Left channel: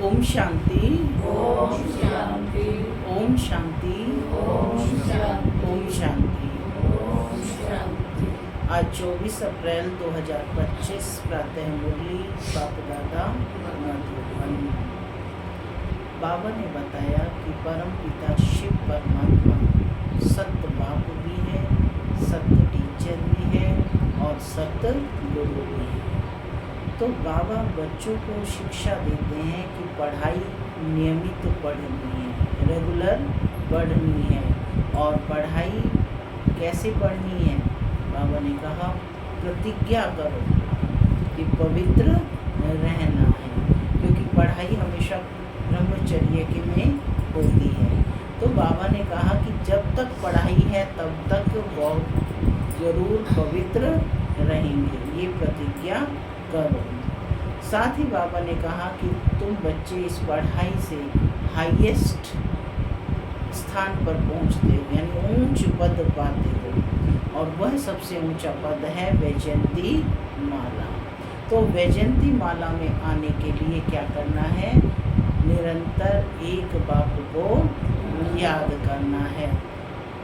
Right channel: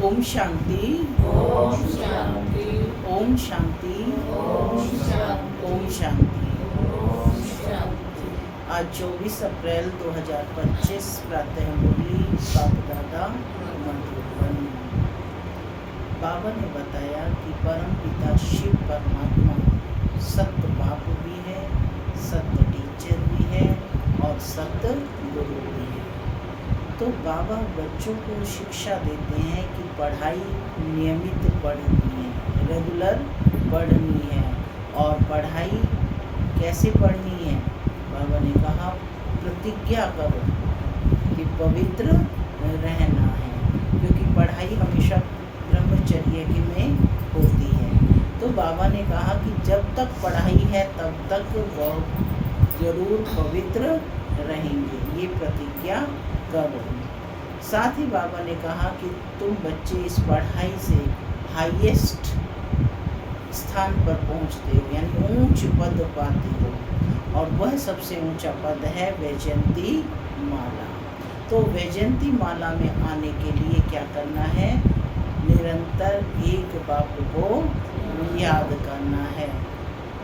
ओम शांति, ओम शांति, ओम शांति, ओम शांति, ओम शांति। ओम शांति। आज 24 अप्रैल 2025 प्रातः मुरली बाप दादा मधुबन। बाबा ने बताया कि परम पिता शिव परमात्मा सत्य बाप भी है, सत्य टीचर भी है और सत्य गुरु भी है। तो बाबा बच्चों को शिक्षा देते हैं कि पढ़ाई नियमित पढ़नी है, रेगुलर पढ़नी है। और पढ़ाई कैसे पढ़नी है? बाबा ने कहा प्रतिज्ञा करो कि पवित्र रहना है, क्योंकि पढ़ाई हमेशा ब्रह्मचर्य के में होती है। तो बाबा ने कहा कि जब तक पढ़ाई है तब तक बहुत ज़रूर पवित्र रहेंगे, ये प्रतिज्ञा करो। साथ ही बाबा ने कहा कि तुम बच्चे इस पढ़ाई से हाईएस्ट स्थान पर पहुंचते हो, यानी ऊंच पद पाते हो, और वह सबसे ऊंचा पद है वैजयंती माला। तो वैजयंती माला में आने के लिए क्या करना है? निरंतर एक बाप को याद करना है।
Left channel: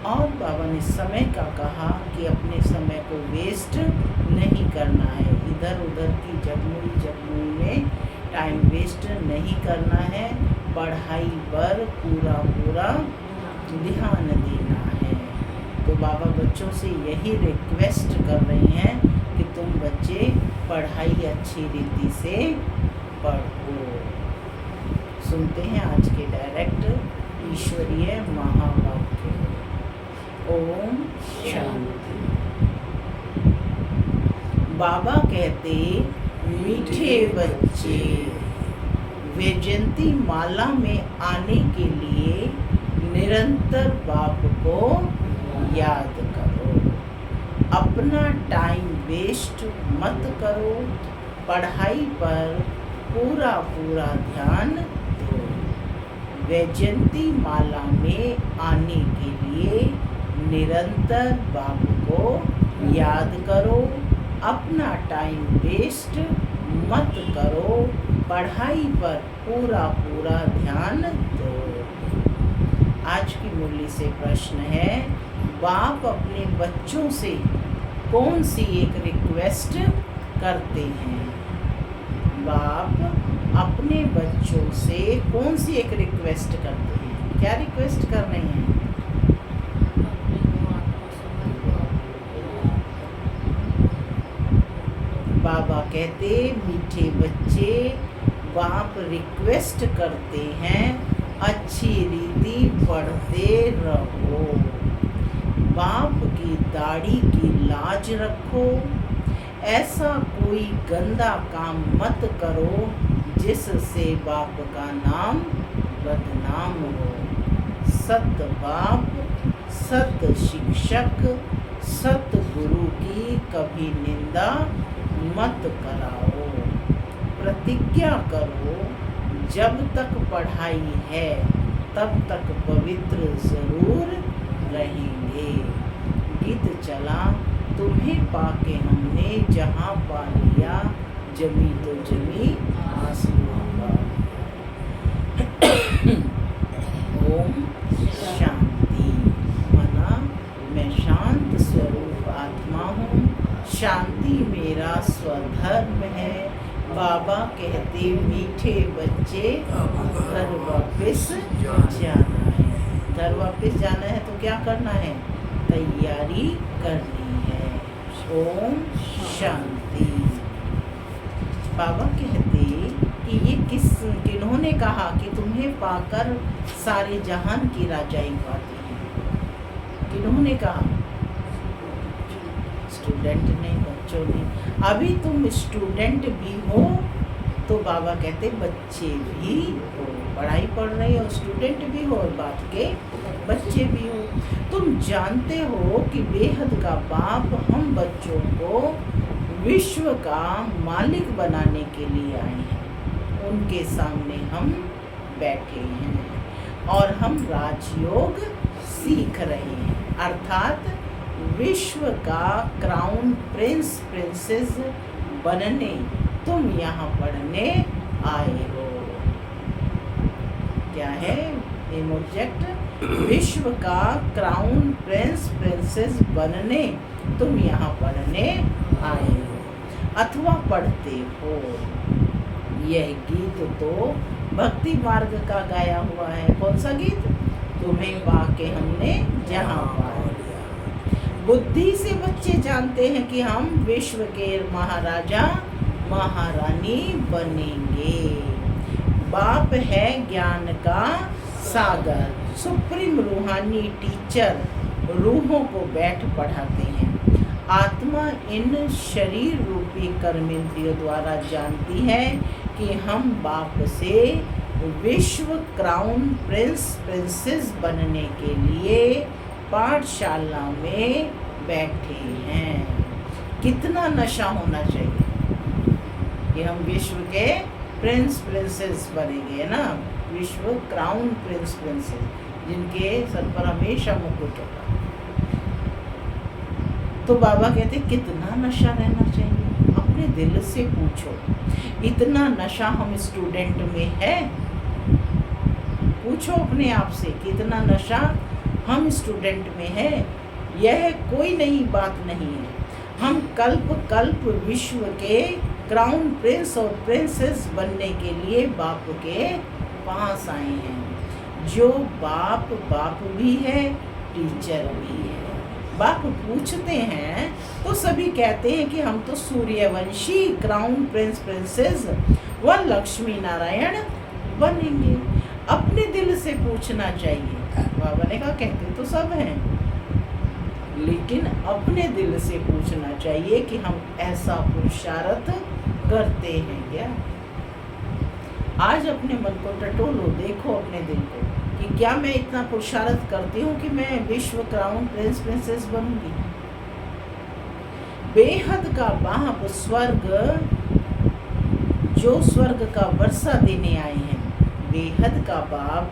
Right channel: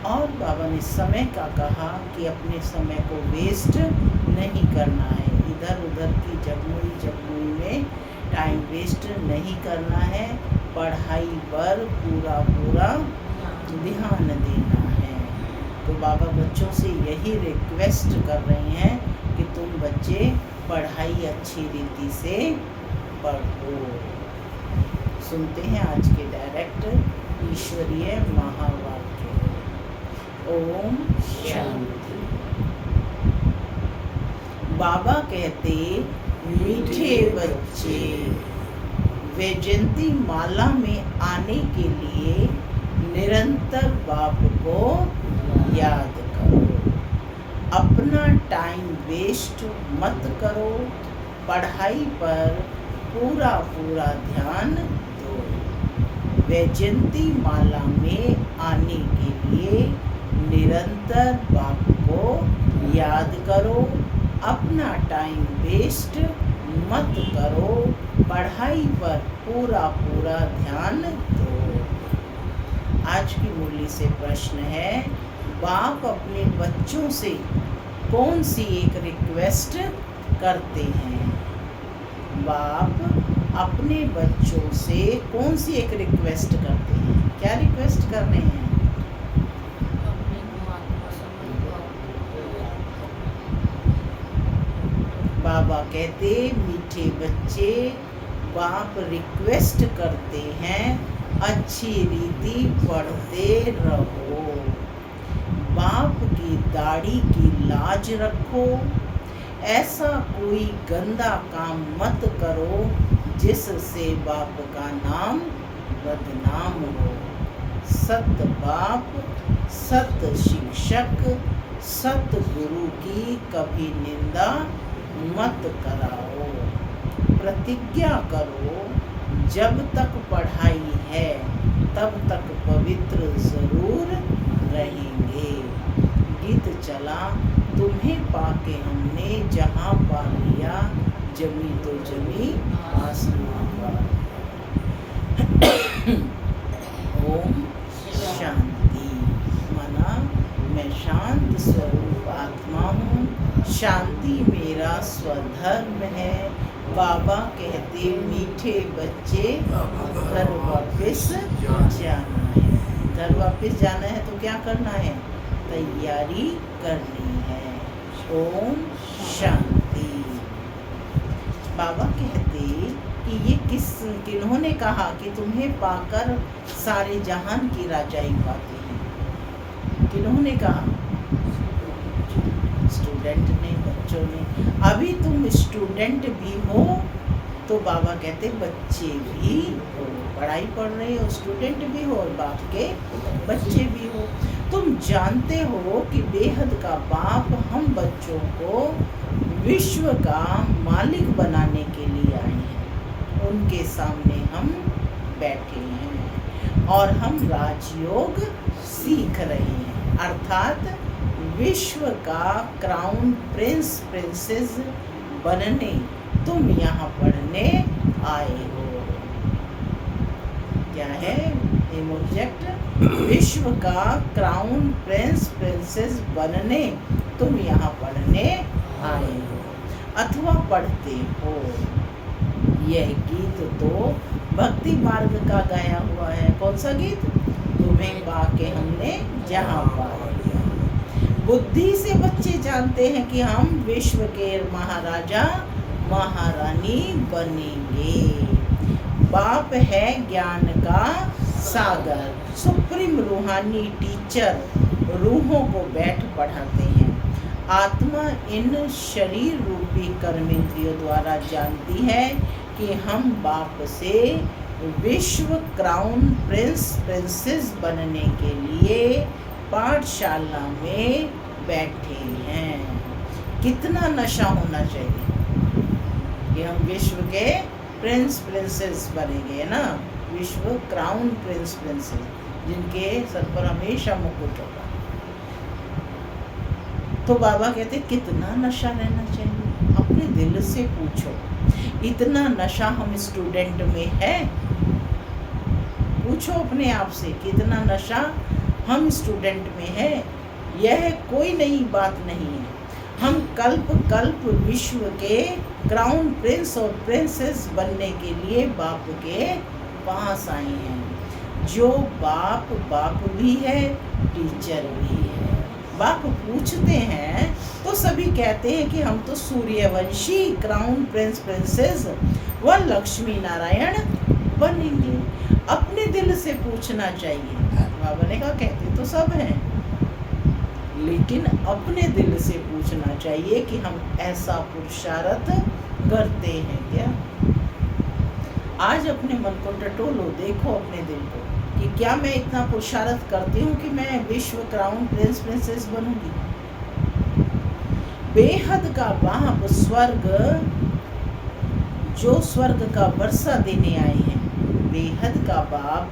और बाबा ने समय का कहा कि अपने समय को वेस्ट नहीं करना है, इधर उधर की जगमुई में टाइम वेस्ट नहीं करना है, पढ़ाई पर पूरा ध्यान देना है। तो बाबा बच्चों से यही रिक्वेस्ट कर रहे हैं कि तुम बच्चे पढ़ाई अच्छी रीति से पढ़ो। सुनते हैं आज के डायरेक्ट ईश्वरीय महावाक्य। ओम शांति। बाबा कहते, मीठे बच्चे, वैजयंती माला में आने के लिए निरंतर बाप को याद करो, अपना टाइम वेस्ट मत करो, पढ़ाई पर पूरा ध्यान दो। वैजयंती माला में आने के लिए निरंतर बाप को याद करो, अपना टाइम वेस्ट मत करो, पढ़ाई पर पूरा ध्यान दो। आज की मुरली से प्रश्न है, बाप अपने बच्चों से कौन सी एक रिक्वेस्ट करते हैं? बाप अपने बच्चों से कौन सी एक रिक्वेस्ट करते हैं? क्या रिक्वेस्ट कर रहे हैं? बाबा कहते, मीठे बच्चे, बाप रिक्वेस्ट करते हैं अच्छी रीति पढ़ते रहो, बाप की दाढ़ी की लाज रखो, ऐसा कोई गंदा काम मत करो जिससे बाप का नाम बदनाम हो। सत बाप, सत शिक्षक, सत गुरु की कभी निंदा मत कराओ। प्रतिज्ञा करो, जब तक पढ़ाई है तब तक पवित्र जरूर रहेंगे। गीत चला, तुम्हें पाके हमने जहाँ पा लिया, जमी तो जमी आसमां पर। ओम शांति। माना मैं शांत स्वरूप आत्मा हूँ, शांति मेरा स्वधर्म है। बाबा कहते, मीठे बच्चे, घर वापस जाना है। घर वापस जाना है तो क्या करना है? तैयारी करनी है। ओम शांति। बाबा कहते कि ये किन्होंने कहा कि तुम्हें पाकर सारे जहान की राजाई पाते हैं? किन्होंने कहा? स्टूडेंट ने, बच्चों ने। अभी तुम स्टूडेंट भी हो तो बाबा कहते बच्चे भी हो, पढ़ाई पढ़ रहे हो, स्टूडेंट भी हो और बाप के बच्चे भी हो। तुम जानते हो कि बेहद का बाप हम बच्चों को विश्व का मालिक बनाने के लिए आए हैं। उनके सामने हम बैठे हैं और हम राजयोग सीख रहे हैं, अर्थात विश्व का क्राउन प्रिंस प्रिंसेस बनने तुम यहाँ पढ़ने आए हो। क्या है एम ऑब्जेक्ट, विश्व का क्राउन प्रिंस प्रिंसेस बनने तुम यहाँ पढ़ने आए हो अथवा पढ़ते हो। यह गीत तो भक्ति मार्ग का गाया हुआ है। कौन सा गीत? तुम्हें पाके हमने जहाँ पा लिया। बुद्धि से बच्चे जानते हैं कि हम विश्व के महाराजा महारानी बनेंगे। बाप है ज्ञान का सागर, सुप्रीम रूहानी टीचर रूहों को बैठ पढ़ाते हैं। आत्मा इन शरीर रूपी कर्मेंद्रियों द्वारा जानती है कि हम बाप से विश्व क्राउन प्रिंस प्रिंसेस बनने के लिए पाठशाला में बैठे हैं। कितना नशा होना चाहिए कि हम विश्व के प्रिंस प्रिंसेस बनेंगे, है ना, विश्व क्राउन प्रिंस प्रिंसेस जिनके सर पर हमेशा मुकुट होगा। तो बाबा कहते कितना नशा रहना चाहिए। अपने दिल से पूछो, इतना नशा हम स्टूडेंट में है? पूछो अपने आप से, कितना नशा हम स्टूडेंट में है? यह कोई नई बात नहीं है। हम कल्प कल्प विश्व के क्राउन प्रिंस और प्रिंसेस बनने के लिए बाप के पास आए हैं। जो बाप बाप भी है, टीचर भी है। बाप पूछते हैं तो सभी कहते हैं कि हम तो सूर्यवंशी क्राउन प्रिंस प्रिंसेस व लक्ष्मी नारायण बनेंगे। अपने दिल से पूछना चाहिए। बाबा ने कहा कहते तो सब हैं, लेकिन अपने दिल से पूछना चाहिए कि हम ऐसा पुरुषार्थ करते हैं क्या। आज अपने मन को टटोलो, देखो अपने दिल को कि क्या मैं इतना पुरुषार्थ करती हूँ कि मैं विश्व क्राउन प्रिंस प्रिंसेस बनूंगी। बेहद का बाप स्वर्ग जो स्वर्ग का वर्षा देने आए हैं, बेहद का बाप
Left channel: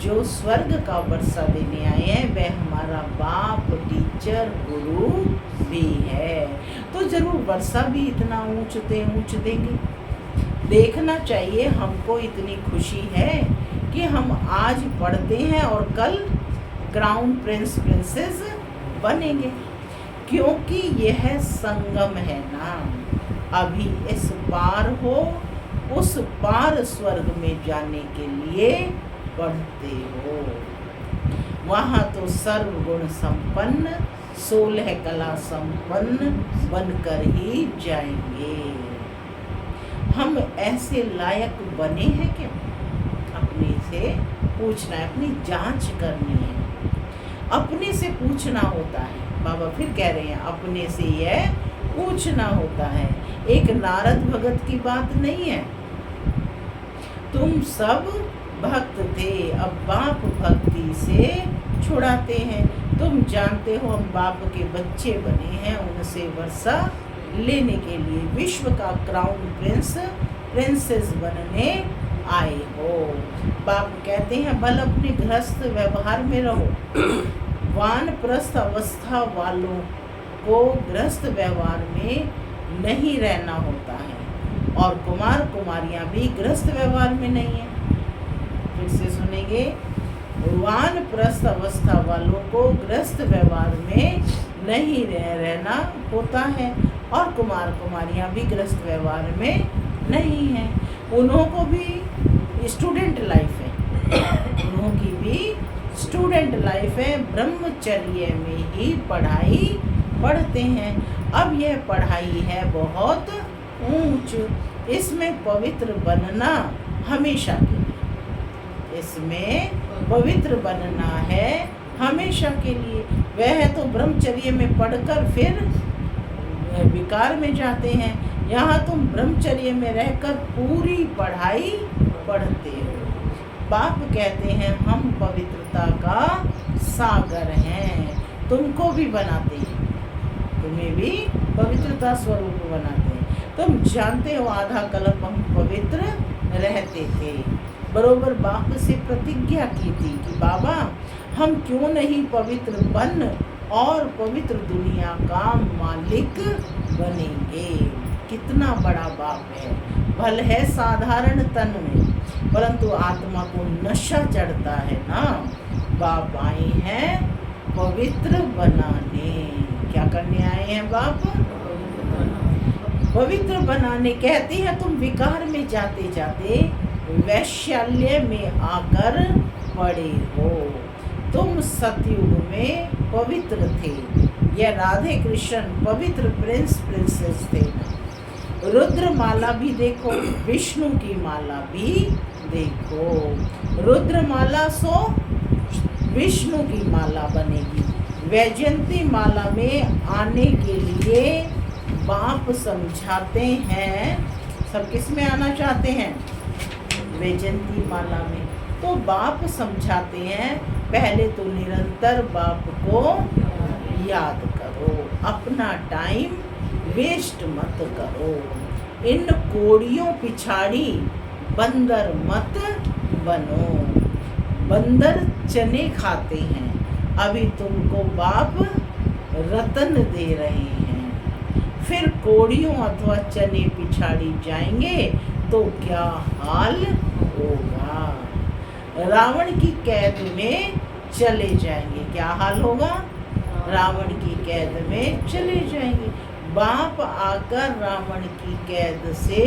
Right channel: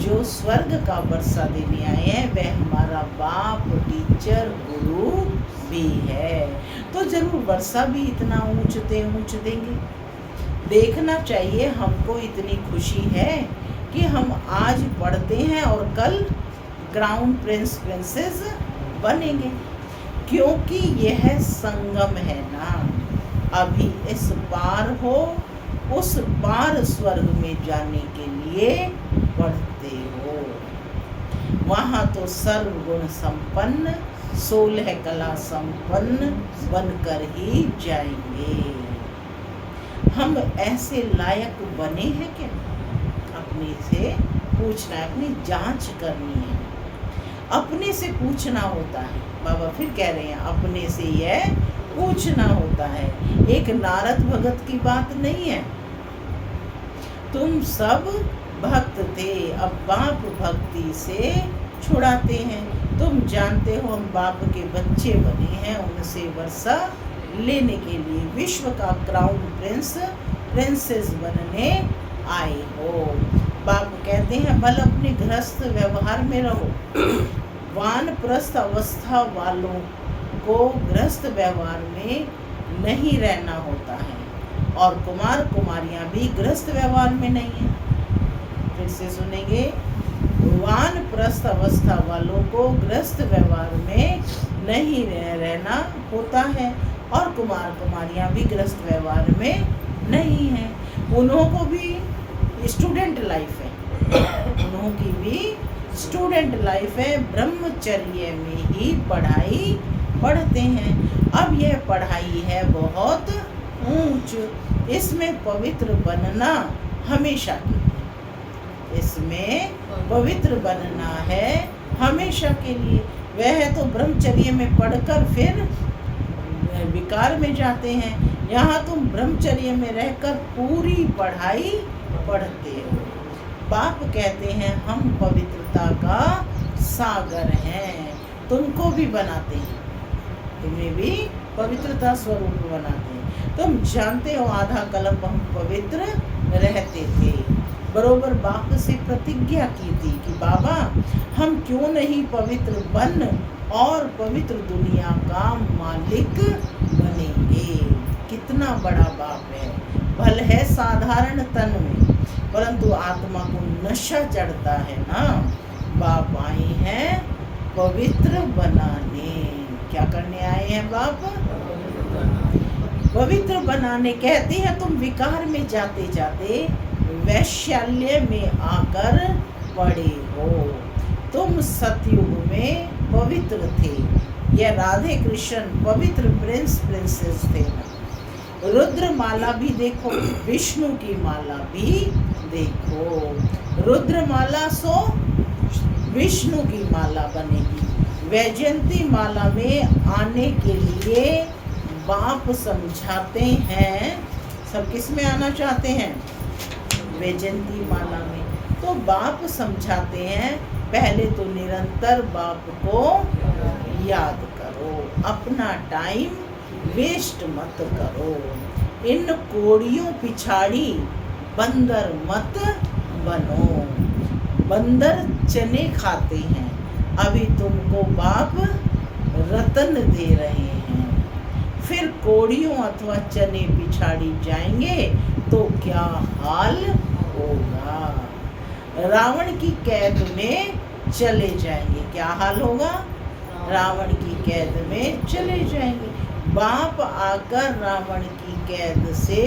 जो स्वर्ग का वर्षा देने आए हैं, वह हमारा बाप टीचर गुरु भी है। तो जरूर वर्षा भी इतना ऊंच देंगे। देखना चाहिए हमको इतनी खुशी है कि हम आज पढ़ते हैं और कल क्राउन प्रिंस प्रिंसेस बनेंगे, क्योंकि यह संगम है ना। अभी इस पार हो उस पार स्वर्ग में जाने के लिए पढ़ते हो। वहाँ तो सर्वगुण संपन्न 16 कला संपन्न बनकर ही जाएंगे। हम ऐसे लायक बने हैं क्या? अपने से पूछना है, अपनी जांच करनी है, अपने से पूछना होता है। बाबा फिर कह रहे हैं अपने से यह पूछना होता है। एक नारद भगत की बात नहीं है। तुम सब भक्त थे, अब बाप भक्ति से छुड़ाते हैं। तुम जानते हो हम बाप के बच्चे बने हैं, उनसे वर्षा लेने के लिए विश्व का क्राउन प्रिंस प्रिंसेस बनने आए हो। बाप कहते हैं बल अपने गृहस्थ व्यवहार में रहो। वानप्रस्थ अवस्था वालों को गृहस्थ व्यवहार में नहीं रहना होता है, और कुमार कुमारियां भी गृहस्थ व्यवहार में नहीं है। फिर से सुनेंगे, वानप्रस्थ अवस्था वालों को गृहस्थ व्यवहार में नहीं रहना होता है, और कुमार कुमारियां भी गृहस्थ व्यवहार में नहीं है। उन्हों को भी स्टूडेंट लाइफ है, उन्हों की भी स्टूडेंट लाइफ है। ब्रह्मचर्य में ही पढ़ाई पढ़ते हैं। अब यह पढ़ाई है बहुत ऊंच, इसमें पवित्र बनना हमेशा के लिए, इसमें पवित्र बनना है हमेशा के लिए। वह तो ब्रह्मचर्य में पढ़कर फिर विकार में जाते हैं। यहाँ तुम ब्रह्मचर्य में रहकर पूरी पढ़ाई पढ़ते हो। बाप कहते हैं हम पवित्रता का सागर हैं, तुमको भी बनाते हैं, तुम्हें भी पवित्रता स्वरूप बनाते हैं। तुम जानते हो आधा कल्प हम पवित्र रहते थे। बरोबर बाप से प्रतिज्ञा की थी कि बाबा हम क्यों नहीं पवित्र बन और पवित्र दुनिया का मालिक बनेंगे। कितना बड़ा बाप है। भल है साधारण तन में, परंतु आत्मा को नशा चढ़ता है ना। बाप आए हैं पवित्र बनाने। क्या करने आए हैं बाप? पवित्र बनाने। कहते हैं तुम विकार में जाते जाते वैशाल्य में आकर पड़े हो। तुम सतयुग में पवित्र थे। यह राधे कृष्ण पवित्र प्रिंस प्रिंसेस थे ना। रुद्र माला भी देखो, विष्णु की माला भी देखो। रुद्र माला सो विष्णु की माला बनेगी। वैजयंती माला में आने के लिए बाप समझाते हैं। सब किस में आना चाहते हैं? वैजयंती माला में। तो बाप समझाते हैं पहले तो निरंतर बाप को याद करो, अपना टाइम वेस्ट मत करो। इन कोड़ियों पिछाड़ी बंदर मत बनो। बंदर चने खाते हैं, अभी तुमको बाप रतन दे रहे हैं। फिर कोड़ियों अथवा चने पिछाड़ी जाएंगे तो क्या हाल होगा? रावण की कैद में चले जाएंगे। क्या हाल होगा? रावण की कैद में चले जाएंगे। बाप आकर रावण की कैद से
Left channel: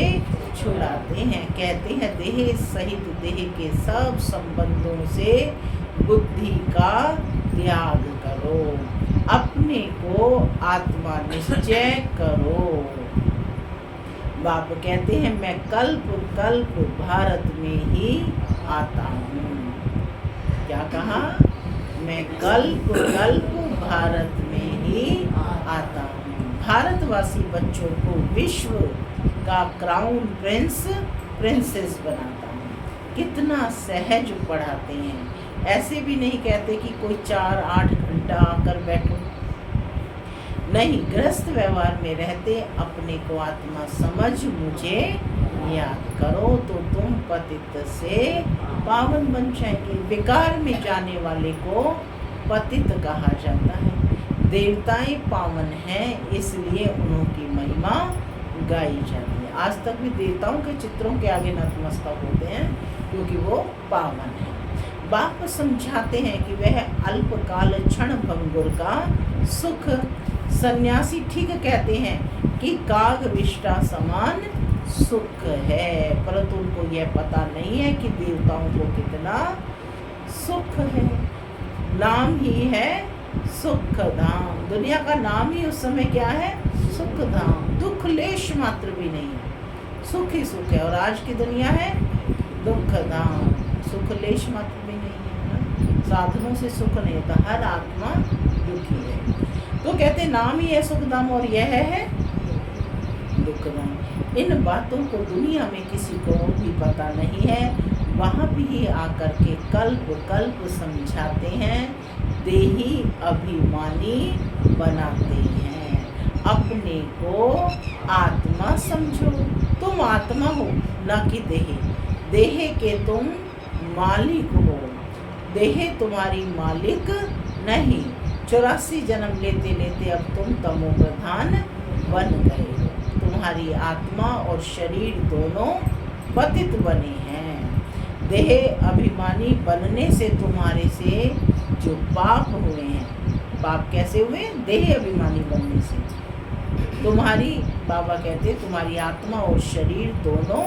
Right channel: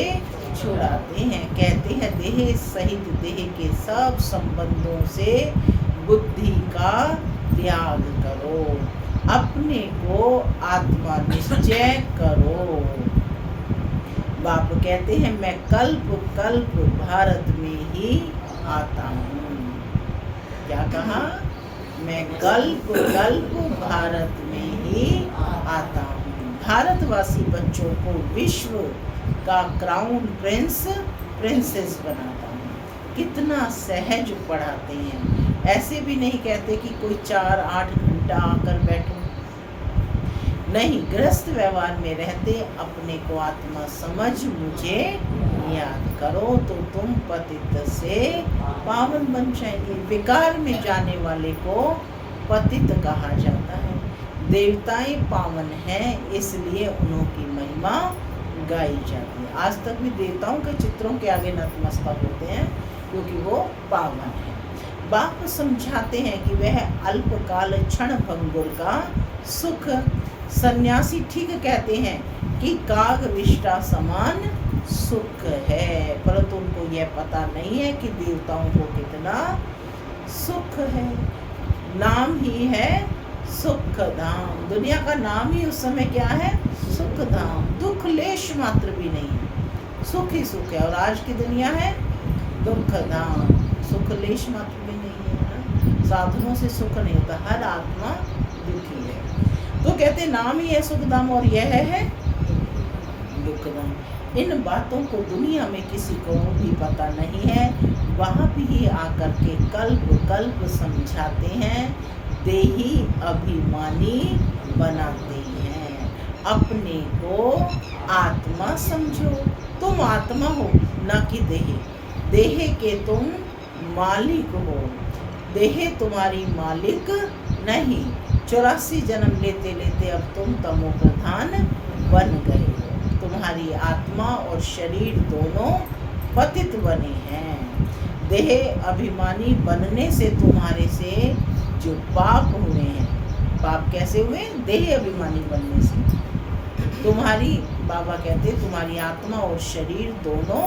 छुड़ाते हैं। कहते हैं देह सहित देह के सब संबंधों से बुद्धि का त्याग करो, अपने को आत्मा निश्चय करो। बाप कहते हैं मैं कल्प कल्प भारत में ही आता हूँ। क्या कहा? मैं कल्प कल्प भारत में ही आता हूँ। भारतवासी बच्चों को विश्व का क्राउन प्रिंस प्रिंसेस बनाता हूँ। कितना सहज पढ़ाते हैं। ऐसे भी नहीं कहते कि कोई 4-8 घंटा आकर बैठो। नहीं, गृहस्थ व्यवहार में रहते अपने को आत्मा समझ मुझे याद करो तो तुम पतित से पावन बन जाएंगे। विकार में जाने वाले को पतित कहा जाता है। देवताएं पावन हैं इसलिए उनकी महिमा गाई जाती है। आज तक भी देवताओं के चित्रों के आगे नतमस्तक होते हैं क्योंकि वो पावन है। बाप समझाते हैं कि वह अल्पकाल क्षण भंगुर का सुख। सन्यासी ठीक कहते हैं कि काग विष्टा समान सुख है, परंतु उनको यह पता नहीं है कि देवताओं को कितना सुख है। नाम ही है सुख धाम। दुनिया का नाम ही उस समय क्या है? सुख धाम। दुख लेश मात्र भी नहीं है, सुख ही सुख है। और आज की दुनिया है दुख धाम। सुख लेश मात्र भी नहीं है ना। साधनों से सुख नहीं होता, हर आत्मा दुखी है। तो कहते नाम ही है सुख धाम और यह है दुख धाम। इन बातों को दुनिया में किसी को भी पता नहीं है। वहाँ भी आकर के कल्प कल्प समझाते हैं, देही अभिमानी बनाते हैं। अपने को आत्मा समझो। तुम आत्मा हो न कि देह। देह के तुम मालिक हो, देह तुम्हारी मालिक नहीं। 84 जन्म लेते लेते अब तुम तमो प्रधान बन गए हो। तुम्हारी आत्मा और शरीर दोनों पतित बने हैं। देह अभिमानी बनने से तुम्हारे से जो पाप हुए हैं, पाप कैसे हुए? देह अभिमानी बनने से। तुम्हारी, बाबा कहते तुम्हारी आत्मा और शरीर दोनों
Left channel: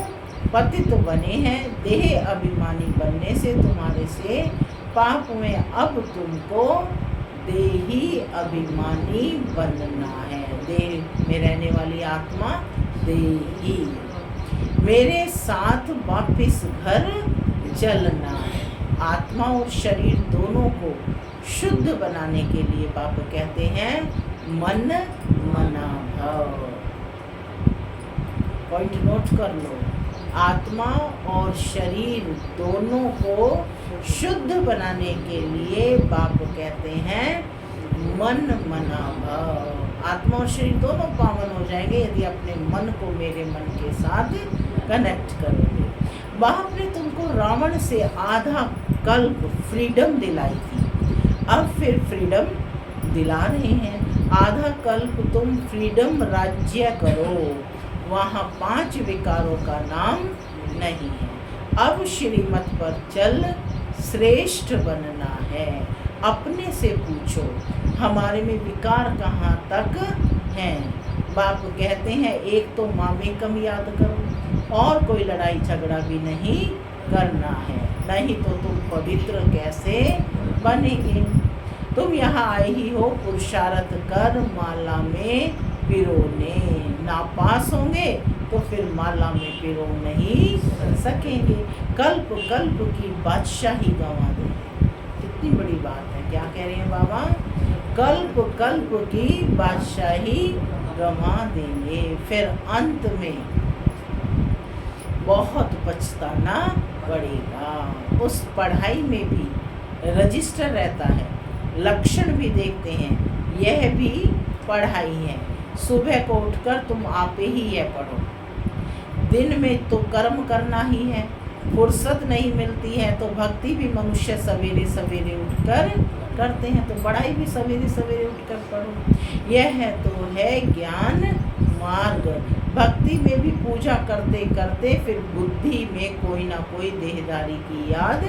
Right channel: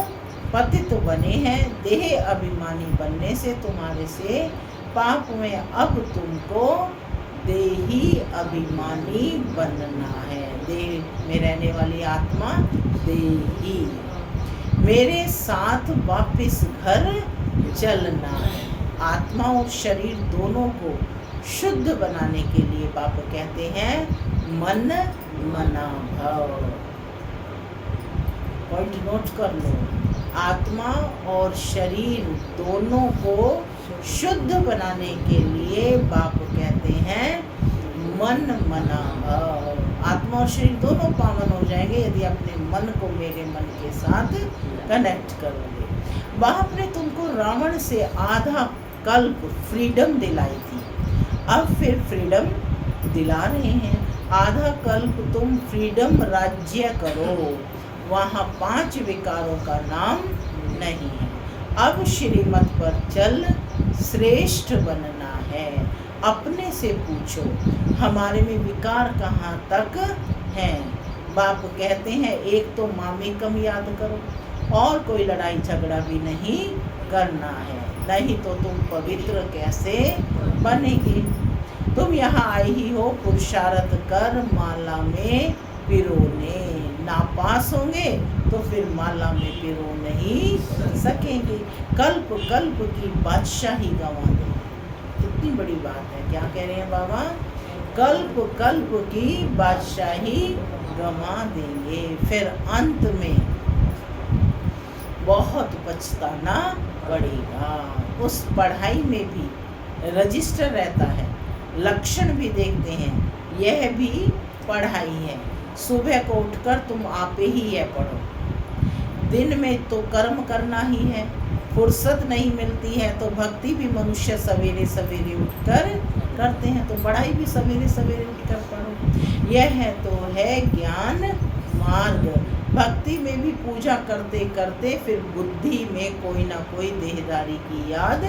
पतित बने हैं। देह अभिमानी बनने से तुम्हारे से पाप हुए। अब तुमको देही अभिमानी बनना है। देह में रहने वाली आत्मा देही। मेरे साथ वापिस घर चलना है। आत्मा और शरीर दोनों को शुद्ध बनाने के लिए बाप कहते हैं मन मना भव। पॉइंट नोट कर लो। आत्मा और शरीर दोनों को शुद्ध बनाने के लिए बाप कहते हैं मन मना भव। आत्मा और शरीर दोनों पावन हो जाएंगे यदि अपने मन को मेरे मन के साथ कनेक्ट करोगे। बाप ने तुमको रावण से आधा कल्प फ्रीडम दिलाई थी, अब फिर फ्रीडम दिला रहे हैं। आधा कल्प तुम फ्रीडम राज्य करो, वहाँ 5 विकारों का नाम नहीं है। अब श्रीमत पर चल, श्रेष्ठ बनना है। अपने से पूछो, हमारे में विकार कहाँ तक हैं। बाप कहते हैं एक तो मामे कम याद करो और कोई लड़ाई झगड़ा भी नहीं करना है, नहीं तो तुम पवित्र कैसे बनेंगे। तुम यहाँ आए ही हो पुरुषार्थ कर माला में पिरोने, ना पास होंगे तो फिर माला में पिरो नहीं सकेंगे। कल्प कल्प की बादशाही गंवा देंगे। कितनी बड़ी बात है, क्या कह रहे हैं बाबा? कल्प कल्प की बादशाही गंवा देंगे, फिर अंत में बहुत पछताना पड़ेगा। उस पढ़ाई में भी रजिस्टर रहता है, लक्षण भी देखते हैं, यह भी पढ़ाई है। सुबह को उठकर तुम आपे ही यह पढ़ो, दिन में तो कर्म करना ही है, फुर्सत नहीं मिलती है तो भक्ति भी मनुष्य सवेरे सवेरे उठकर करते हैं, तो पढ़ाई भी सवेरे सवेरे उठकर पढ़ो। यह तो है ज्ञान मार्ग। भक्ति में भी पूजा करते करते फिर बुद्धि में कोई ना कोई देहदारी की याद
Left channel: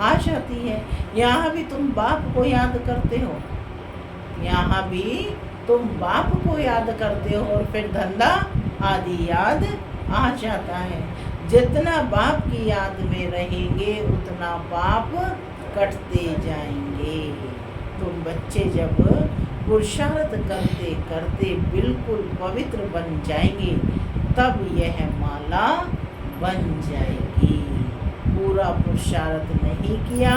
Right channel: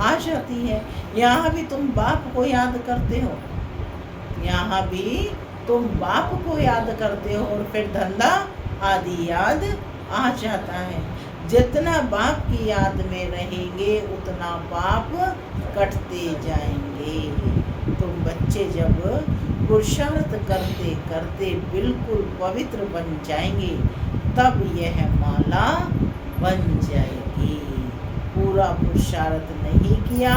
आ जाती है। यहाँ भी तुम बाप को याद करते हो, यहाँ भी तुम बाप को याद करते हो और फिर धंधा आदि याद आ जाता है। जितना बाप की याद में रहेंगे उतना पाप कटते जाएंगे। तुम बच्चे जब पुरुषार्थ करते करते बिल्कुल पवित्र बन जाएंगे तब यह माला बन जाएगी। पूरा पुरुषार्थ नहीं किया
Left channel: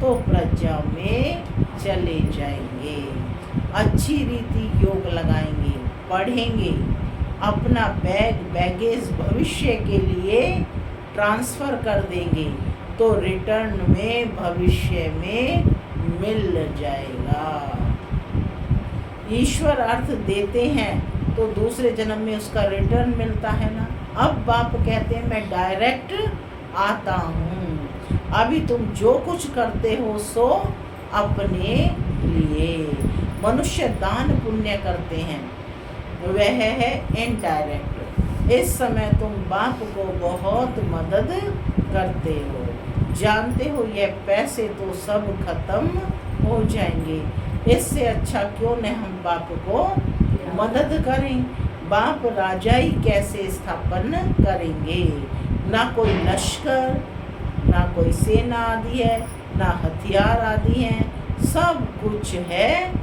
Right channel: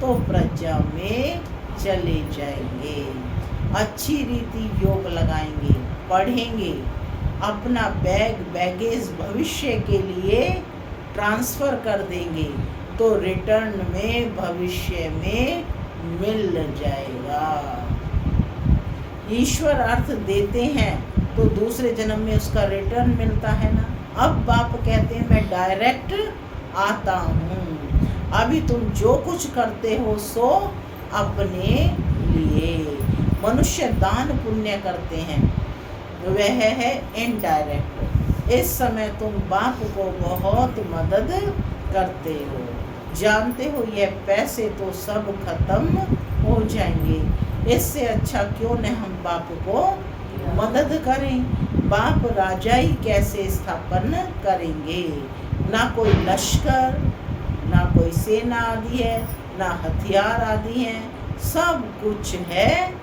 तो प्रजा में चले जाएंगे। अच्छी रीति योग लगाएंगे, पढ़ेंगे, अपना बैगेज भविष्य के लिए ट्रांसफ़र कर देंगे तो रिटर्न में भविष्य में मिल जाएगा। ईश्वर अर्थ देते हैं तो दूसरे जन्म में उसका रिटर्न मिलता है ना। अब बाप कहते हैं मैं डायरेक्ट आता हूँ, अभी तुम जो कुछ करते हो सो अपने लिए। मनुष्य दान पुण्य करते हैं, वह है इनडायरेक्ट। इस समय तुम बाप को बहुत मदद करते हो, जानते हो यह पैसे तो सब खत्म हो जाएंगे, इससे अच्छा क्यों न हम बाप को मदद करें। बाप राजाई कैसे स्थापन करेंगे, ना कोई लश्कर, ना कोई सेना आदि है, ना हथियार आदि हैं, सब कुछ है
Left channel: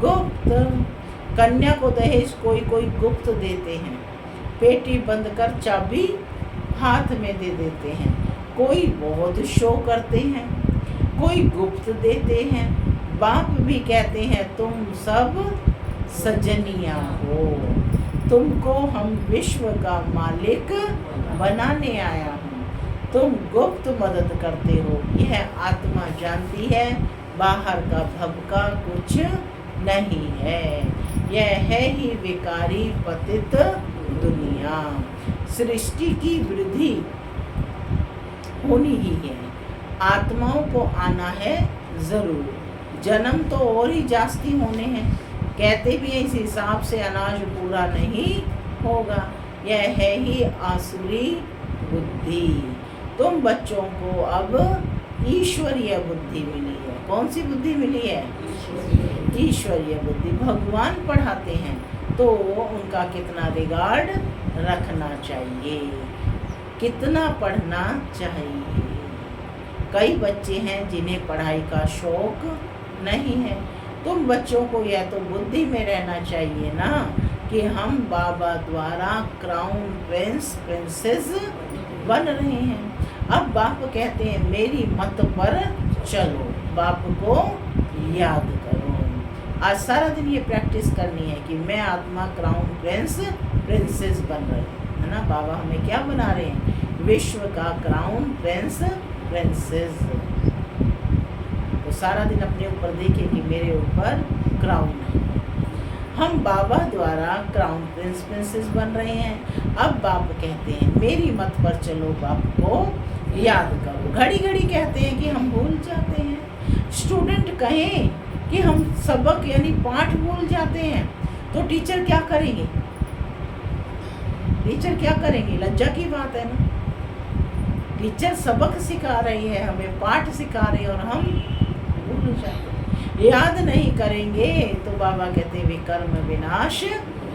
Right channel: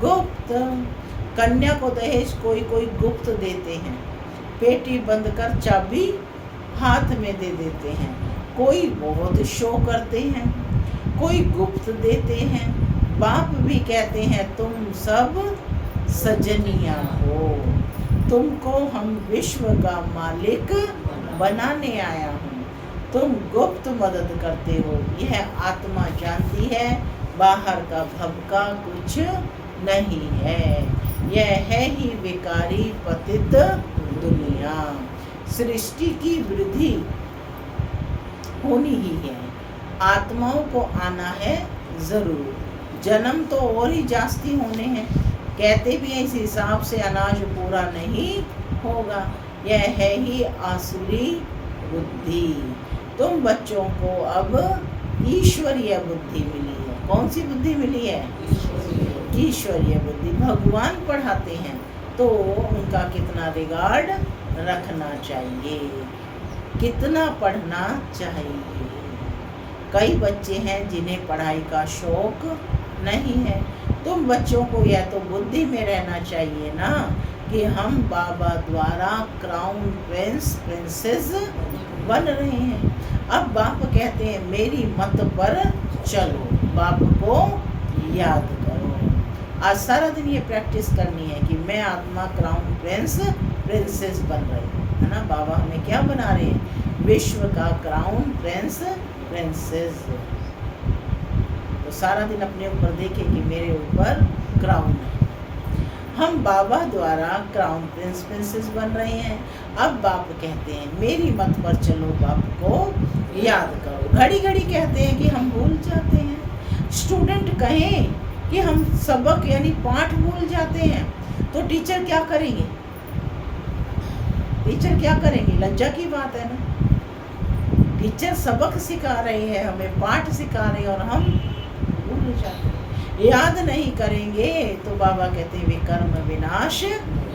गुप्त। कन्या को दहेज कोई कोई गुप्त देते हैं, पेटी बंद कर चाबी हाथ में दे देते हैं। कोई बहुत शो करते हैं, कोई गुप्त देते हैं। बाप भी कहते हैं तुम सब सजनिया हो, तुमको हम विश्व का मालिक बनाने आया हूँ, तुम गुप्त मदद करते हो। यह आत्मा जानती है बाहर का भबका कुछ नहीं है, यह है ही विकारी पतित दुनिया। सृष्टि की वृद्धि होनी ही है, आत्माओं को आना है जरूर। जन्म तो और ही जास्ती होने हैं, कहते भी हैं इस हिसाब से अनाज पूरा नहीं होगा। यह है ही आसुरी बुद्धि। तुम बच्चों को अब ईश्वरीय बुद्धि मिली है। कौन सी बुद्धि मिली है? ईश्वरीय बुद्धि। भगवान पढ़ाते हैं तो उनका कितना रिगार्ड रखना चाहिए, कितना पढ़ना चाहिए। कई बच्चे हैं जिन्हें पढ़ाई का शौक नहीं है। तुम बच्चों को यह तो बुद्धि में रहना चाहिए ना कि हम बाबा द्वारा क्राउन प्रिंस प्रिंसेस बन रहे हैं। अब बाप कहते हैं मेरी मत पर चलो, बाप को याद करो। आज सारा दिन ये प्रैक्टिस करनी है कि मैं आत्मा क्राउन प्रिंस प्रिंसेस बन रही है ना। बाबा हमें क्या बना रहे हैं? विश्व का क्राउन प्रिंस प्रिंसेस। तो सारा दिन अपने ऊपर देखें कि मेरे ऊपर क्राउन है। हम बाबा द्वारा क्राउन प्रिंस प्रिंसेस बन रहे हैं। अब बाप कहते हैं मेरी मत पर चलो, बाप को याद करो। घड़ी घड़ी कहते हैं कि हम भूल जाते हैं। स्टूडेंट कहें कि हम सबक यानी पाठ भूल जाते हैं तो टीचर क्या करेंगे? टीचर क्या करेंगे? लज्जा की बात है ना। टीचर सबक सिखा रहे हैं, हमें पाठ सिखा रहे हैं और हम भूल जाते हैं, याद नहीं करेंगे तो बाबा कहते हैं वे कर्म विनाश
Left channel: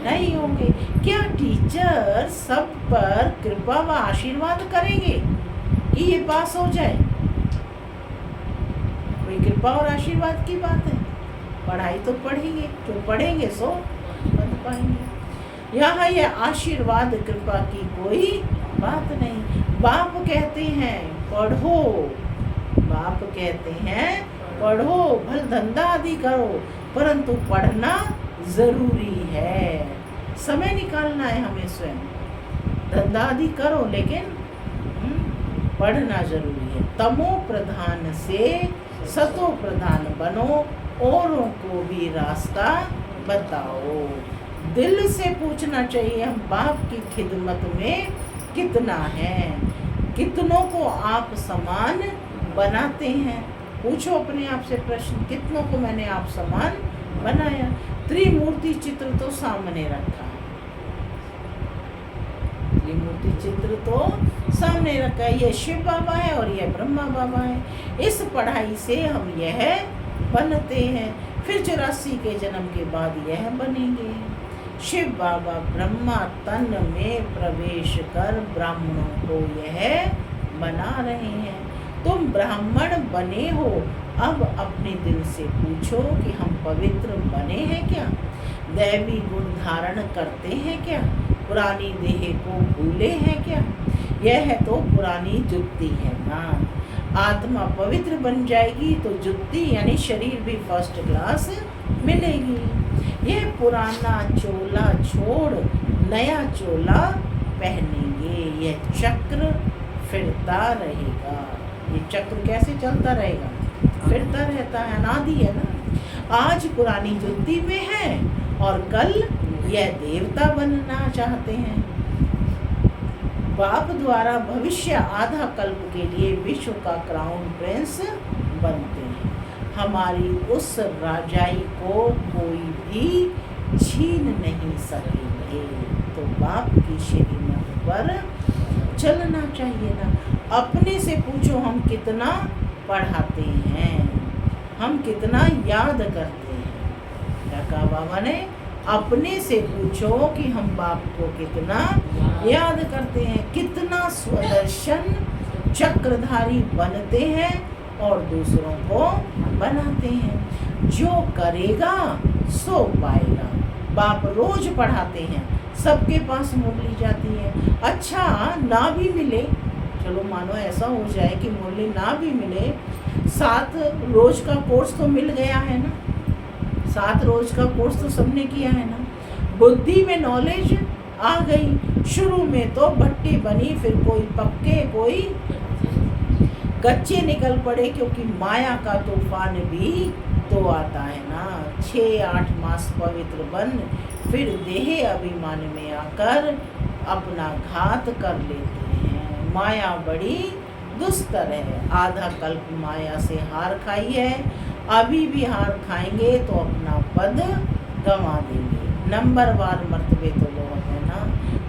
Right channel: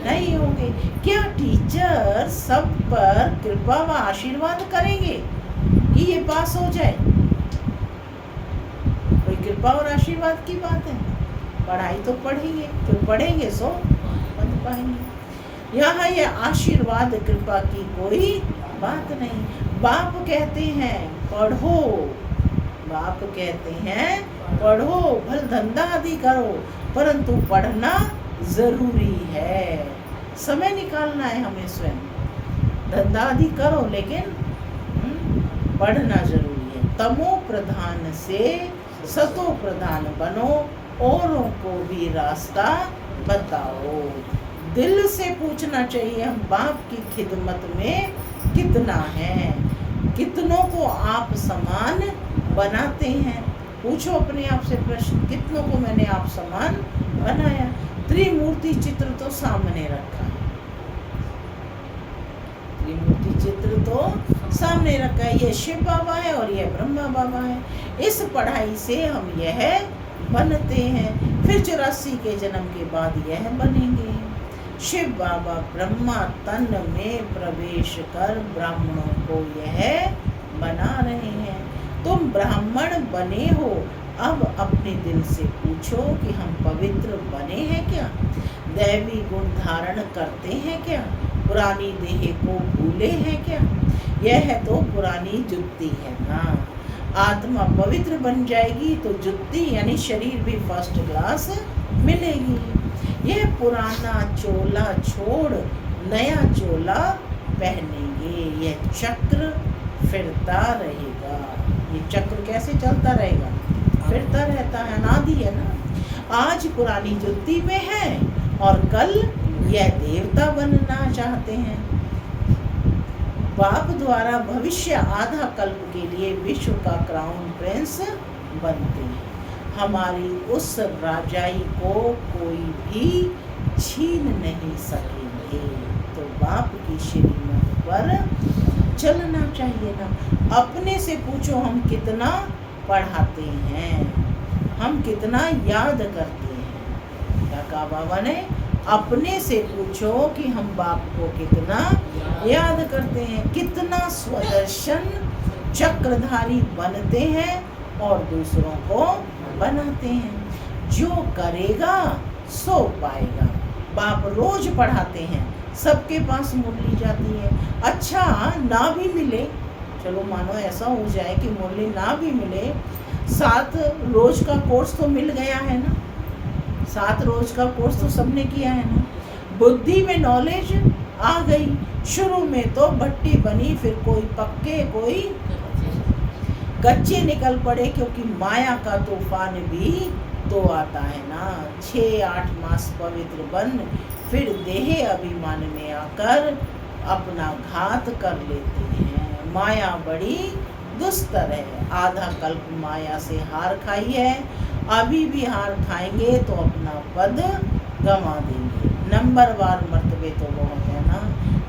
नहीं होंगे। क्या टीचर सब पर कृपा व आशीर्वाद करेंगे कि ये पास हो जाए? कोई कृपा और आशीर्वाद की बात है? पढ़ाई तो पढ़ेंगे, जो पढ़ेंगे सो पढ़ पाएंगे। यहाँ ये आशीर्वाद कृपा की कोई बात नहीं। बाप कहते हैं पढ़ो, बाप कहते हैं पढ़ो, भल धंधा आदि करो, परंतु पढ़ना जरूरी है। समय निकालना है हमें स्वयं। धंधा आदि करो लेकिन पढ़ना जरूरी है। तमो प्रधान से सतो प्रधान बनो, औरों को भी रास्ता बताओ। दिल से पूछना चाहिए हम बाप की खिदमत में कितना है, कितनों को आप समान बनाते हैं। पूछो अपने आप से प्रश्न, कितनों को मैंने आप समान बनाया। त्रिमूर्ति चित्र तो सामने रखा है, त्रिमूर्ति चित्र तो सामने रखा है। ये शिव बाबा है और ये ब्रह्मा बाबा है। इस पढ़ाई से हम यह बनते हैं, फिर 84 के जन्म के बाद यह बनेंगे। शिव बाबा ब्रह्मा तन में प्रवेश कर ब्राह्मणों को यह बना रहे हैं। तुम ब्राह्मण बने हो, अब अपने दिल से पूछो कि हम पवित्र बने हैं क्या, दैवी गुण धारण करते हैं क्या, पुरानी देह को भूले हैं क्या। यह तो पुरानी जुत्ती है ना। आत्मा पवित्र बन जाएगी तो जुत्ती यानी शरीर भी फर्स्ट क्लास मिलेगी। यह पुराना चोला छोड़ नया चोला पहनेंगे। यह चक्र फिरता रहेगा। ये चक्र कैसे चलता रहेगा? फिरता रहता है, अनादि है ना। आज पुरानी जुत्ती में है और कल यह देवता बनना चाहते हैं। बाप द्वारा भविष्य आधा कल्प के लिए विश्व का क्राउन प्रिंस बनते हैं। हमारी उस राजाई को कोई भी छीन नहीं सकेंगे। तो बाप की श्रीमत पर चलना चाहिए ना। अपने से पूछो हम कितना पढ़ाते हैं, हम कितना याद करते हैं। क्या कहा बाबा ने? अपने से पूछो कि हम बाप को कितना याद करते हैं, कितना स्वदर्शन चक्रधारी बनते हैं और दूसरों को बनाते हैं। जो करेगा सो पाएगा। बाप रोज पढ़ाते हैं, सबके पास मुरली जाती है। अच्छा ना भी मिले, चलो मानो ऐसा हो जाए कि मुरली ना भी मिले, 7 रोज का कोर्स तो मिल गया है ना। 7 रोज का कोर्स तो सबने किया है ना। बुद्धि में नॉलेज आ गई। शुरू में तो भट्टी बनी, फिर कोई पक्के कोई कच्चे निकल पड़े, क्योंकि माया का तूफान भी तो आता है ना। 6-8 मास पवित्र बन फिर देह अभिमान में आकर अपना घात कर लेते हैं। माया बड़ी दुस्तर है। आधा कल्प माया से हार खाई है, अभी भी हार खाएंगे तो अपना पद गंवा देंगे। नंबरवार मर्तबे तो बहुत है ना।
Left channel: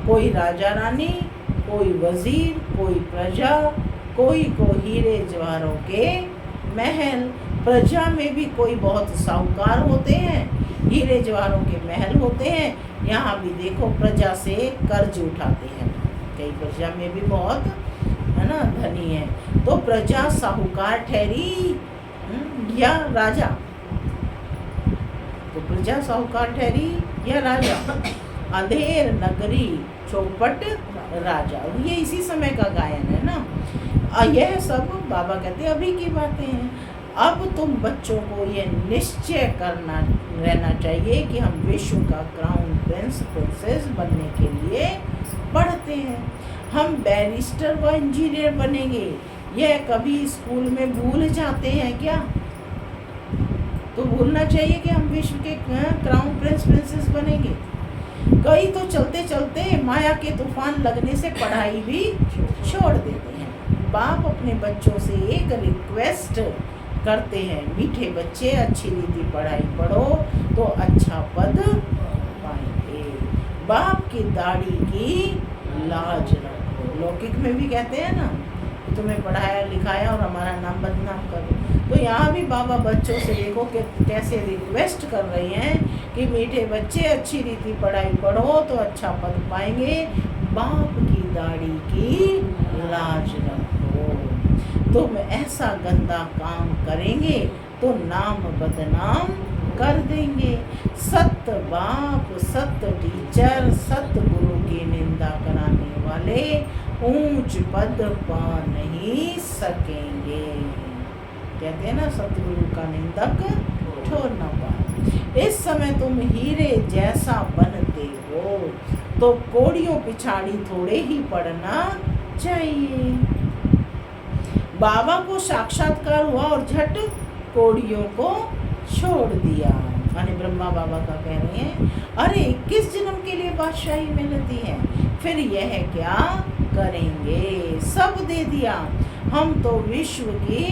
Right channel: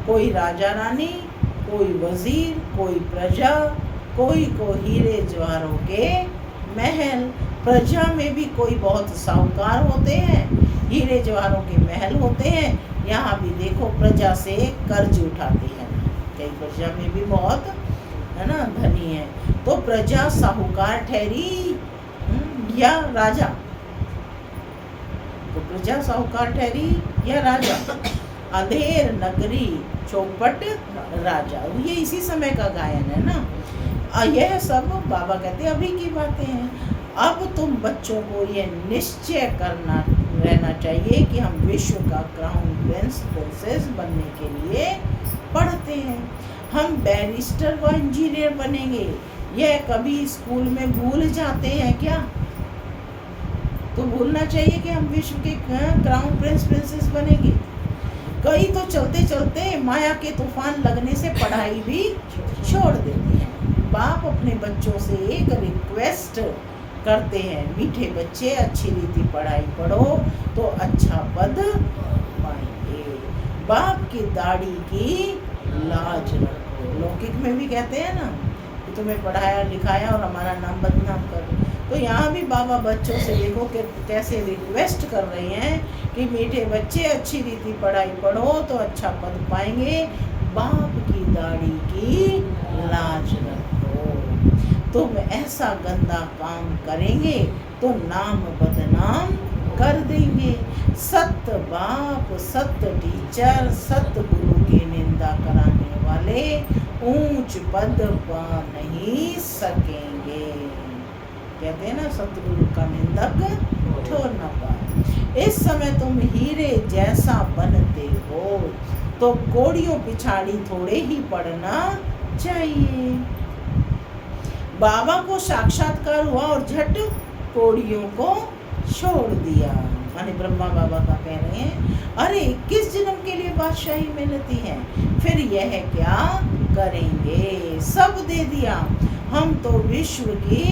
कोई राजा रानी, कोई वजीर, कोई प्रजा, कोई को हीरे जवाहरों के महल। प्रजा में भी कोई बहुत साहूकार होते हैं, हीरे जवाहरों के महल होते हैं। यहाँ भी देखो प्रजा से कर्ज उठाते हैं। कई प्रजा में भी बहुत है ना धनी है, तो प्रजा साहूकार ठहरी या राजा? तो प्रजा साहूकार ठहरी या राजा? अंधेर नगरी चौपट राजा, ये इसी समय का गायन है ना। यह सब बाबा कहते हैं अभी की बातें हैं। अब तुम बच्चों को यह निश्चय करना रहना चाहिए कि हम विश्व का क्राउन प्रिंस प्रिंसेस बनने के लिए पढ़ते हैं। हम बैरिस्टर व इंजीनियर बनेंगे, यह कभी स्कूल में भूल जाते हैं क्या? तो भूलना चाहिए कि हम विश्व के क्राउन प्रिंस प्रिंसेस बनेंगे। कई तो चलते चलते माया के तूफान लगने से पढ़ाई भी छोड़ देते हैं। बाप अपने बच्चों से एक रिक्वेस्ट करते हैं, मीठे बच्चे अच्छी रीति पढ़ाई पढ़ो तो अच्छा पद पाएंगे। बाप की दाढ़ी की लाज रखो। लौकिक में भी कहते हैं ना, तुम्हें पढ़ाया लिखाया और हमारा नाम बदनाम कर दो। तो यहाँ भी बाबा बच्चों से देखो कि कैसे रिक्वेस्ट कर रही हैं कि मीठे बच्चे अच्छी रीति पढ़ाई पढ़ो तो अच्छा पद पाएंगे, बाप की दाढ़ी की लाज रखो। तुम ऐसा गंदा काम करेंगे तो नाम बदनाम कर देंगे। सत बाप, सत टीचर, सत गुरु की निंदा कराने वाले ऊंच पद पा नहीं सकेंगे। कहते हैं ना, सतगुरु का निंदक ठोर न पाए। इस समय तुम हीरे जैसा बनते हो तो कोड़ियों पिछाड़ी थोड़े ही पड़ना चाहिए। बाबा को साक्षात्कार हुआ और झट कोड़ियों को छोड़ दिया। माने ब्रह्मा बाबा का कह रहे हैं, अरे किस जन्म के लिए बादशाही मिलती है, फिर यह क्या करेंगे, सब दे दिया, हम तो विश्व की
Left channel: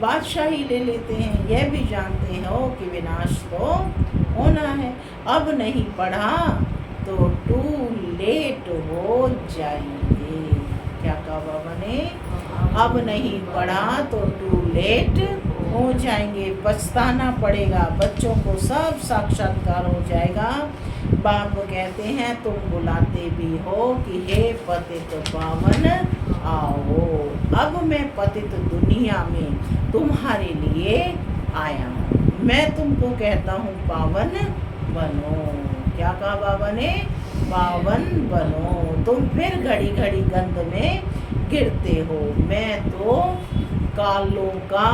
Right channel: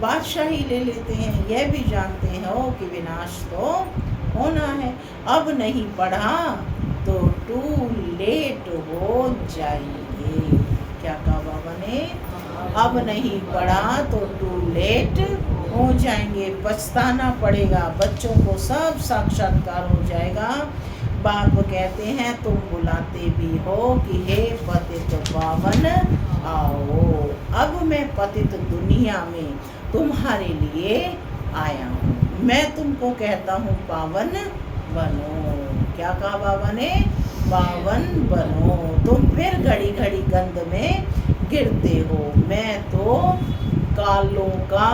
बादशाही ले लेते हैं, यह भी जानते हो कि विनाश तो होना है, अब नहीं पढ़ा तो टू लेट हो जाएंगे। क्या कहा बाबा ने, अब नहीं पढ़ा तो टू लेट हो जाएंगे, पछताना पड़ेगा, बच्चों को सब साक्षात्कार हो जाएगा। बाप कहते हैं तुम बुलाते भी हो कि हे पतित पावन आओ, अब मैं पतित दुनिया में तुम्हारे लिए आया हूँ, मैं तुमको कहता हूँ पावन बनो। क्या कहा बाबा ने, पावन बनो। तुम फिर घड़ी घड़ी गंद में गिरते हो, मैं तो कालों का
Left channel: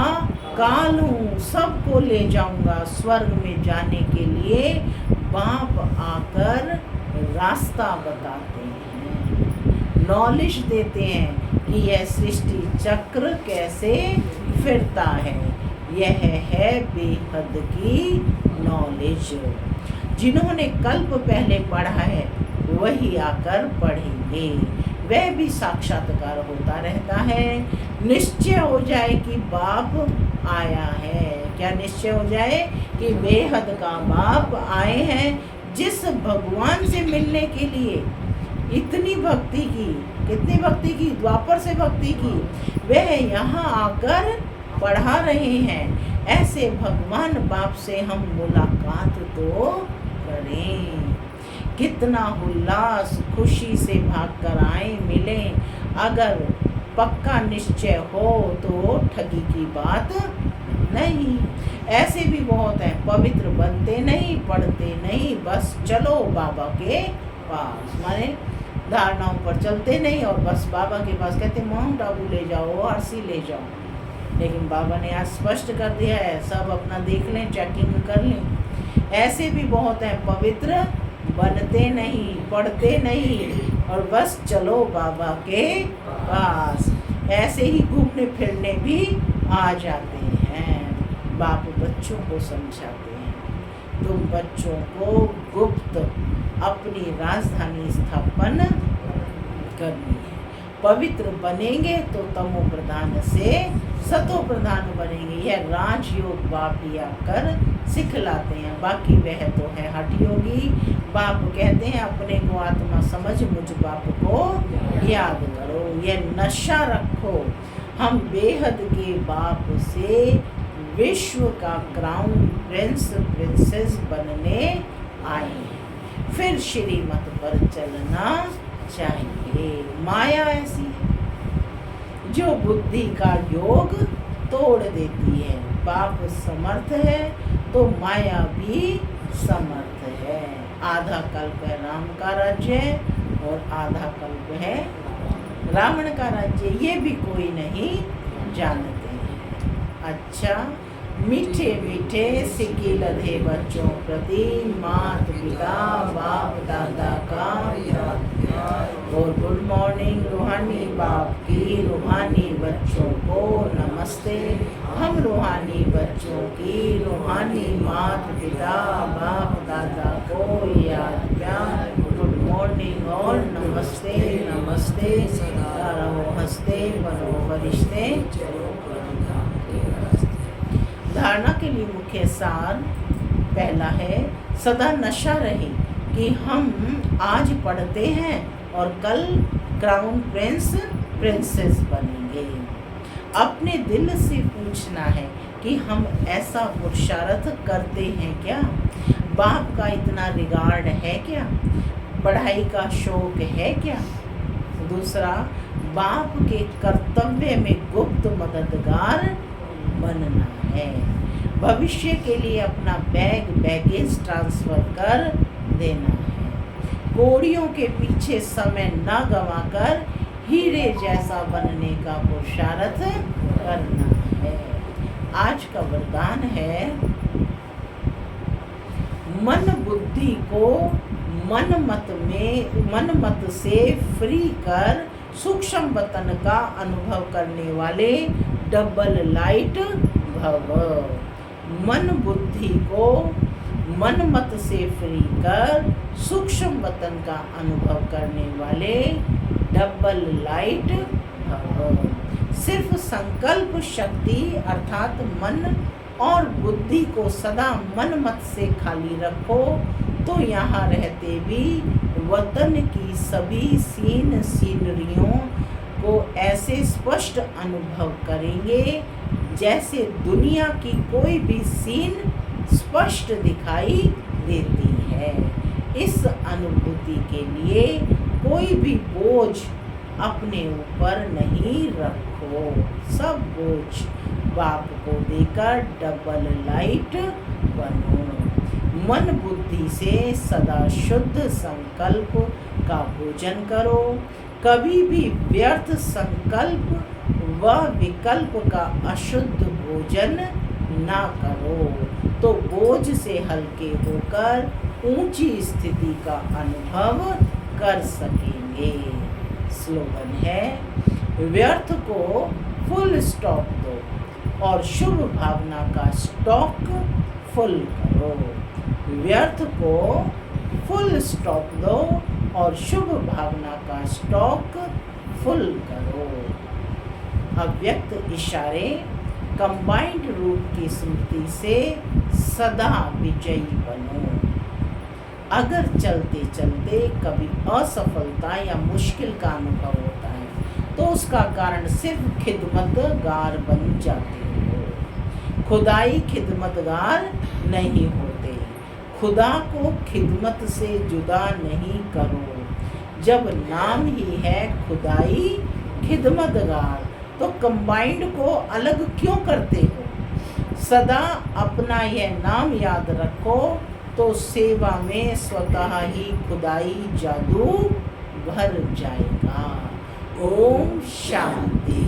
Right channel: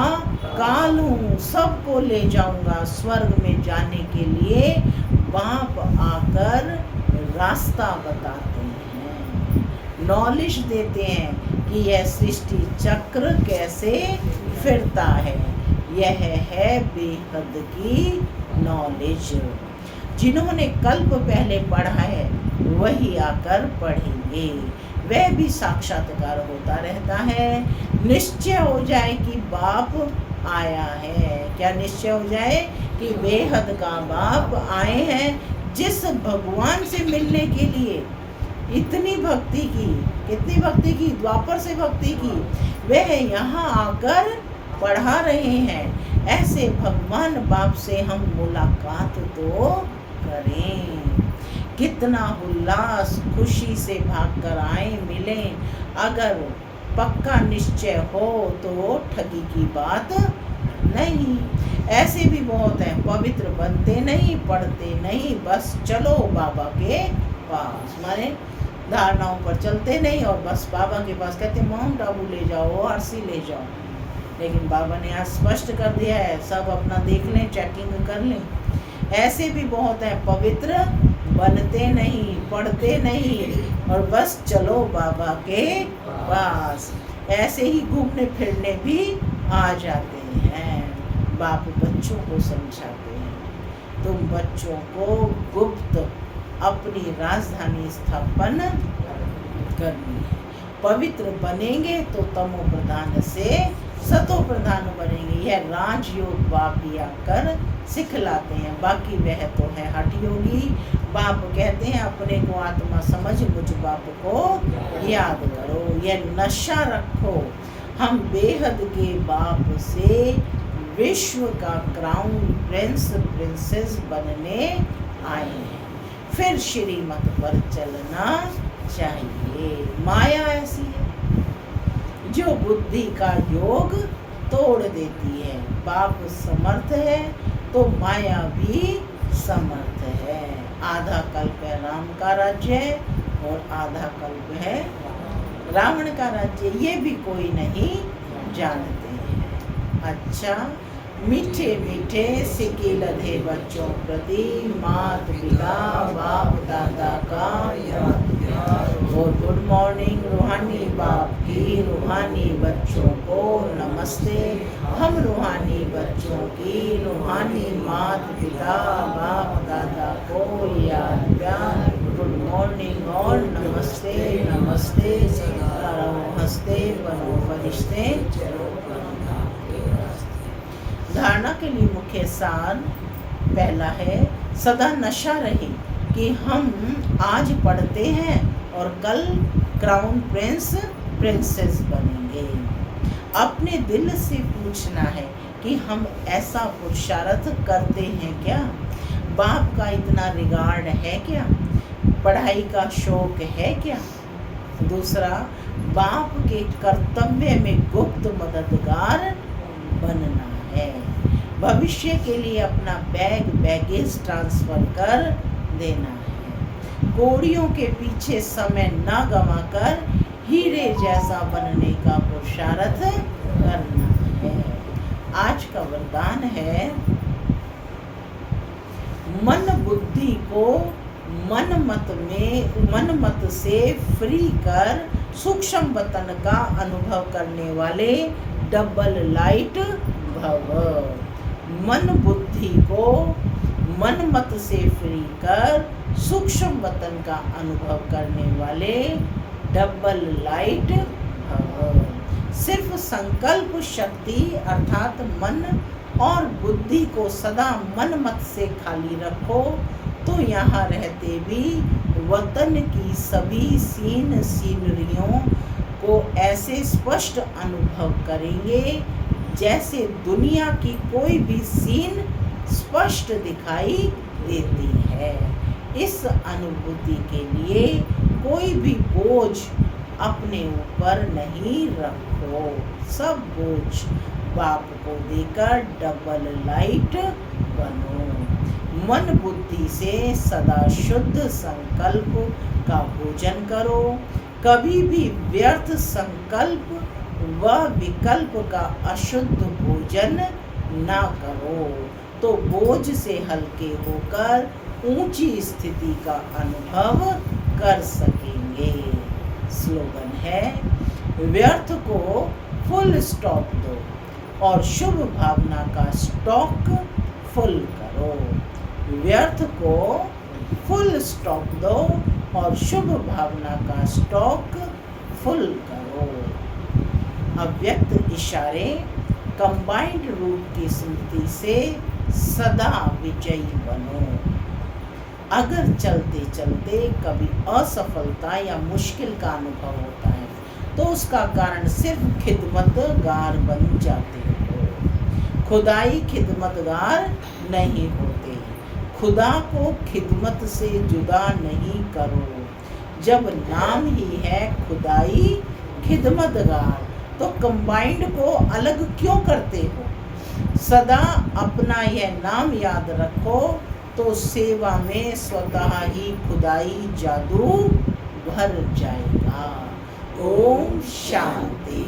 काल हूँ, सबको ले जाऊंगा स्वर्ग में जाने के लिए। बाप आकर रास्ता बताते हैं, नॉलेज देते हैं कि यह सृष्टि चक्र कैसे फिरता है। यह है बेहद की नॉलेज। जिन्होंने कल्प पहले पढ़ा है वही आकर पढ़ेंगे, वह भी साक्षात्कार होता रहता है। निश्चय हो जाए कि बाप आया है। क्या निश्चय हो जाए कि बेहद का बाप आए हैं, जिस भगवान से मिलने के लिए इतनी भक्ति की, कितनी भक्ति की, द्वापर से भक्ति की, वह यहाँ आकर पढ़ा रहे हैं। ऐसे भगवान बाप से हम मुलाकात तो करें। कितना उल्लास खुशी से भाग कर आए मिले। अगर पक्का निश्चय हो तो ठगी की बात नहीं। ऐसे भी बहुत हैं, पवित्र बनते नहीं, पढ़ते नहीं, बस चलो बाबा के पास, माने धारणाओं पर चलते नहीं और बस बाबा के पास कहते माउंट आबू ले जाओ, आरसी ले जाओ। लेकिन बाबा ने आज स्पष्ट कर दिया है, सब अपना देख लें, चेकिंग कर लें। ऐसे भी बहुत हैं, पवित्र बनते नहीं, पढ़ते नहीं और बस चलो बाबा के पास। ऐसे ही घूमने फिरने भी आ जाते हैं। बाप बच्चों को समझाते हैं, तुम बच्चों को गुप्त अपनी राजधानी स्थापन करनी है। पवित्र बनेंगे तो तमो प्रधान से सतो प्रधान बनेंगे। यह राजयोग बाप ही आकर सिखलाते हैं। बाकी वह तो है हठ योगी। बाप कहते हैं अपने को आत्मा समझ मुझ बाप को याद करो, यह नशा रखो। हम बेहद के बाप से विश्व का क्राउन प्रिंस प्रिंसेस बनने आए हैं, फिर श्रीमत पर चलना चाहिए। माया ऐसी है जो बुद्धि का योग तोड़ देती है। बाप समर्थ है तो माया भी समर्थ है। आधा कल्प है राम का राज्य और आधा कल्प है रावण का राज्य, ये भी कोई नहीं जानते हैं। अच्छा, मीठे मीठे सिक्के लधे बच्चों प्रति मात पिता बाप दादा का और गुड मॉर्निंग रूहानी बाप की रूहानी बच्चों को नमस्ते। हम रूहानी बच्चों की रूहानी मात पिता बाप दादा को याद प्यार गुड मॉर्निंग और नमस्ते नमस्ते। सदा रहो हंसते बनो फरिश्ते। धारणा के लिए मुख्य सार पहला है, सदा नशा रहे कि हम आज पढ़ते हैं और कल क्राउन प्रिंस प्रिंसेस बनेंगे। सकेंगे। अपने दिल से पूछना है कि हम ऐसा पुरुषार्थ करते हैं क्या? बाप का इतना रिगार्ड है क्या? पढ़ाई का शौक है क्या? दूसरा, बाप के कर्तव्य में गुप्त मददगार बनना है। भविष्य के लिए अपना बैगेज ट्रांसफर कर देना है। कोड़ियों के पीछे समय न गंवाकर हीरे जैसा बनने का पुरुषार्थ करना है। आज का वरदान है, मन बुद्धि को मन मत से फ्री कर सूक्ष्म वतन का अनुभव करने वाले डबल लाइट भव। मन बुद्धि को मन मत से फ्री कर सूक्ष्म वतन का अनुभव करने वाले डबल लाइट भव। सिर्फ संकल्प शक्ति अर्थात मन और बुद्धि को सदा मन मत से खाली रखो तो यहाँ रहते भी वतन की सभी सीनरियों को ऐसे स्पष्ट अनुभव करेंगे जैसे दुनिया की कोई भी सीन स्पष्ट दिखाई देती है। इस अनुभूति के लिए कोई भी बोझ अपने ऊपर नहीं रखो। सब बोझ बाप को देकर डबल लाइट बनो। मन बुद्धि से सदा शुद्ध संकल्प का भोजन करो। कभी भी व्यर्थ संकल्प व विकल्प का अशुद्ध भोजन ना करो तो बोझ से हल्के होकर ऊंची स्थिति का अनुभव कर सकेंगे। स्लोगन है, व्यर्थ को फुल स्टॉप दो और शुभ भावना का स्टॉक फुल करो। व्यर्थ को फुल स्टॉप दो और शुभ भावना का स्टॉक फुल करो। अव्यक्त इशारे कंबाइंड रूप की स्मृति से सदा विजयी बनो। अगर चलते चलते कभी असफलता या मुश्किल का अनुभव होता है तो उसका कारण सिर्फ खिदमतगार बन जाते हो। खुदाई खिदमतगार नहीं होते। खुदा को खिदमत से जुदा नहीं करो। जब नाम ही है खुदाई खिदमतगार तो कंबाइंड को अलग क्यों करते हो? सदा अपना यह नाम याद रखो तो सेवा में स्वतः ही खुदाई जादू भर जाएगा। ओम शांति।